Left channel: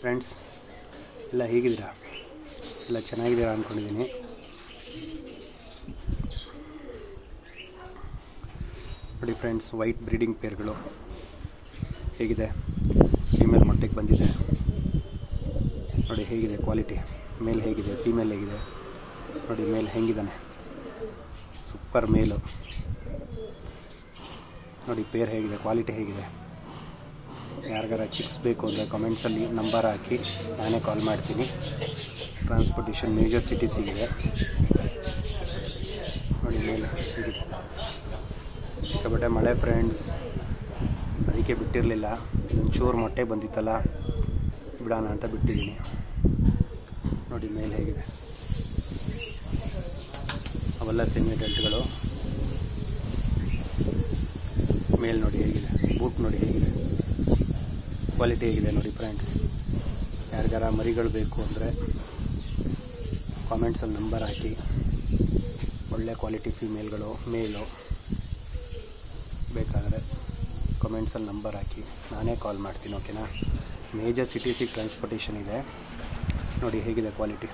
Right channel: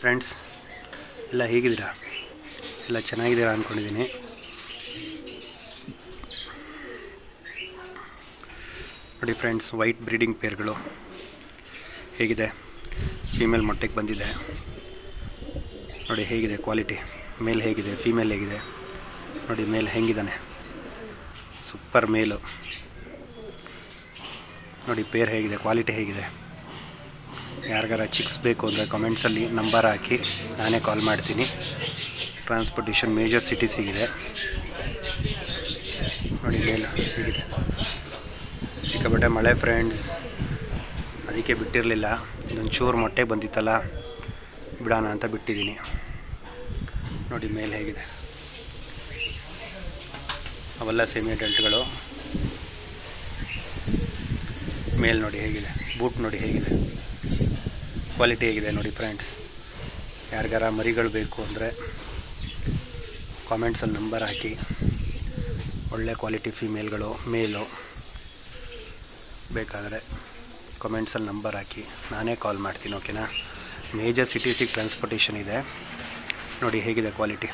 Friends ಎಲ್ಲ ಹೇಗಿದ್ದೀರಾ? ಎಲ್ಲ ಚೆನ್ನಾಗಿದ್ದೀರಾ ಅಂದ್ಕೊಂಡಿದ್ದೀನಿ. ನೋಡಿ ಫ್ರೆಂಡ್ಸ್, ವೈಟ್ ಬ್ರೀಡಿಂಗ್ ಪೇರ್ಗಳು ಹೇಗಿದೆ. ಫೀಮೇಲ್ ಮೊಟ್ಟೆಗೆ ಬಂದಿದೆ ನೋಡಿ, ಹೇಗಿದೆ ಕ್ವಾಲಿಟಿ. ಮೇಲ್ ಹೇಗಿದೆ, ಫೀಮೇಲ್ ಹೇಗಿದೆ ನೋಡಿ. ಮೇಲ್ ಹೆಂಗಿದ್ದಾನೆ, ಸೂಪರ್ ಮೇಲು ನೋಡಿ. ಪೇರ್ ಹೇಗಿದೆ, ಕ್ವಾಲಿಟಿ ಹೇಗಿದೆ. ಯಾರಿಗಾರ ಚಿಕ್ಸ್ ಬೇಕು ಅಂದರೆ ಕಮೆಂಟ್ಸಲ್ಲಿ ನಂಬರ್ ಹಾಕಿ, ನಾನೇ ಕಾಲ್ ಮಾಡ್ತೀನಿ. ಟ್ರಾನ್ಸ್ಪೋರ್ಟೇಷನ್ ಮೇಜರ್ ಸಿಟೀಸಿಗಿದೆ ನೋಡಿ. ಮೇಲು ಹೇಗಿದೆ, ಸಿಕ್ಕಾಪಟ್ಟೆ ಮಳೆ ಫ್ರೆಂಡ್ಸ್, ಅದಕ್ಕೆ ಬಿಟ್ಟಿರಲಿಲ್ಲ. ಇದೊಂದು ಚೂರು ಮೊಟ್ಟೆ ಬಂದಿತ್ತಲ್ಲ, ಬಿಡೋಣ ಅಂತ ಬಿಟ್ಟಿದ್ದೀನಿ ನೋಡಿ. ಮೇಲೆ ಹೇಗಿದೆ, ಅವೆಲ್ಲ ಸೆಮಿ ಅಡಲ್ಟ್ಗಳು. ಮೇಲ್ ನೋಡಿ ಹೇಗಿದೆ, ಬೂಟ್ ನೋಡಿ ಹೇಗಿದೆ, ಕ್ವಾಲಿಟಿ ಹೇಗಿದೆ ನೋಡಿ ಫ್ರೆಂಡ್ಸ್. ಯಾರಿಗಾರ ಮರಿಗಳು ಬೇಕು ಅಂದರೆ ಕಾಮೆಂಟ್ಸಲ್ಲಿ ನಂಬರ್ ಹಾಕಿ. ಒಳ್ಳೆ ಕ್ವಾಲಿಟಿ ಫೀಮೇಲ್ಗಳು, ಮೇಲು ಬೇಕಾದರೆ ಕಮೆಂಟ್ಸಲ್ಲಿ ನಂಬರ್ ಹಾಕಿ, ನಾನೇ ಕಾಲ್ ಮಾಡ್ತೀನಿ. ಓಕೆನಾ? ಮೇಜರ್ ಸಿಟೀಸಿಗೆ ಟ್ರಾನ್ಸ್ಪೋರ್ಟೇಷನ್ ಇದೆ ನೋಡಿ. ಹೇಗಿದೆ ಕ್ವಾಲಿಟಿ,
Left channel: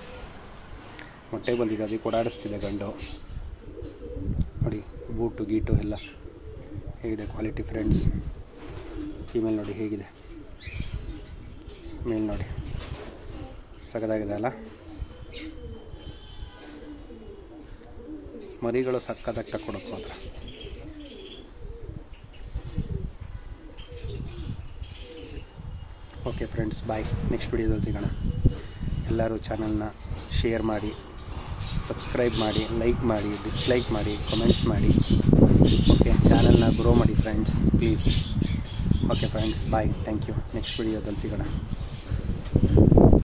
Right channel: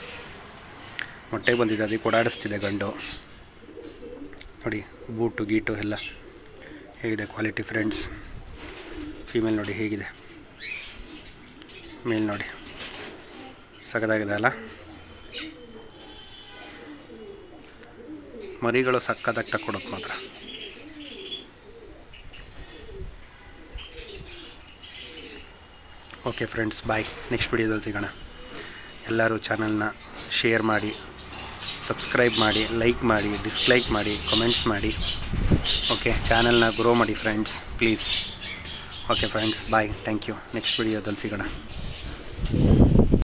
ಮೊಟ್ಟೆ ಬಂದಿದೆ, ಅದಕ್ಕೆ ಓಡಾಡಿಸ್ತಿದೆ ಗಂಡು ನೋಡಿ. ಬೂಟು ಗೀಟು ಎಲ್ಲ ಹೇಗಿದೆ ಕ್ವಾಲಿಟಿ ಫ್ರೆಂಡ್ಸ್. ಫೀಮೇಲ್ ನೋಡಿ ಹೇಗಿದೆ, ಮೇಲ್ ನೋಡಿ ಸಖತ್ತಾಗಿದೆ ಅಲ್ಲ. ಮರಿಗಳು ಸಕ್ಕತ್ತಾಗಿ ಕೊಡೋದು ಮಾತ್ರ. ಓಕೆ ಫ್ರೆಂಡ್ಸ್, ಬಾಯ್. ನೆಕ್ಸ್ಟ್ ವಿಡಿಯೋದಲ್ಲಿ ಸಿಗೋಣ. ಎಲ್ಲರೂ ಚಾನಲ್ನ ಶೇರ್ ಮಾಡಿ, ಸಬ್ಸ್ಕ್ರೈಬ್ ಮಾಡಿ, ಲೈಕ್ ಮಾಡಿ, ಡಿಸ್ಲೈಕ್ ಮಾಡಿ, ಕಮೆಂಟ್ಸ್ ಮಾಡಿ. ಓಕೆ, ಚಾನಲ್ನ ಗ್ರೋ ಮಾಡಿ friends, please. Okay friends, bye. Thank you. Next ವಿಡಿಯೋದಲ್ಲಿ ಸಿಗೋಣ.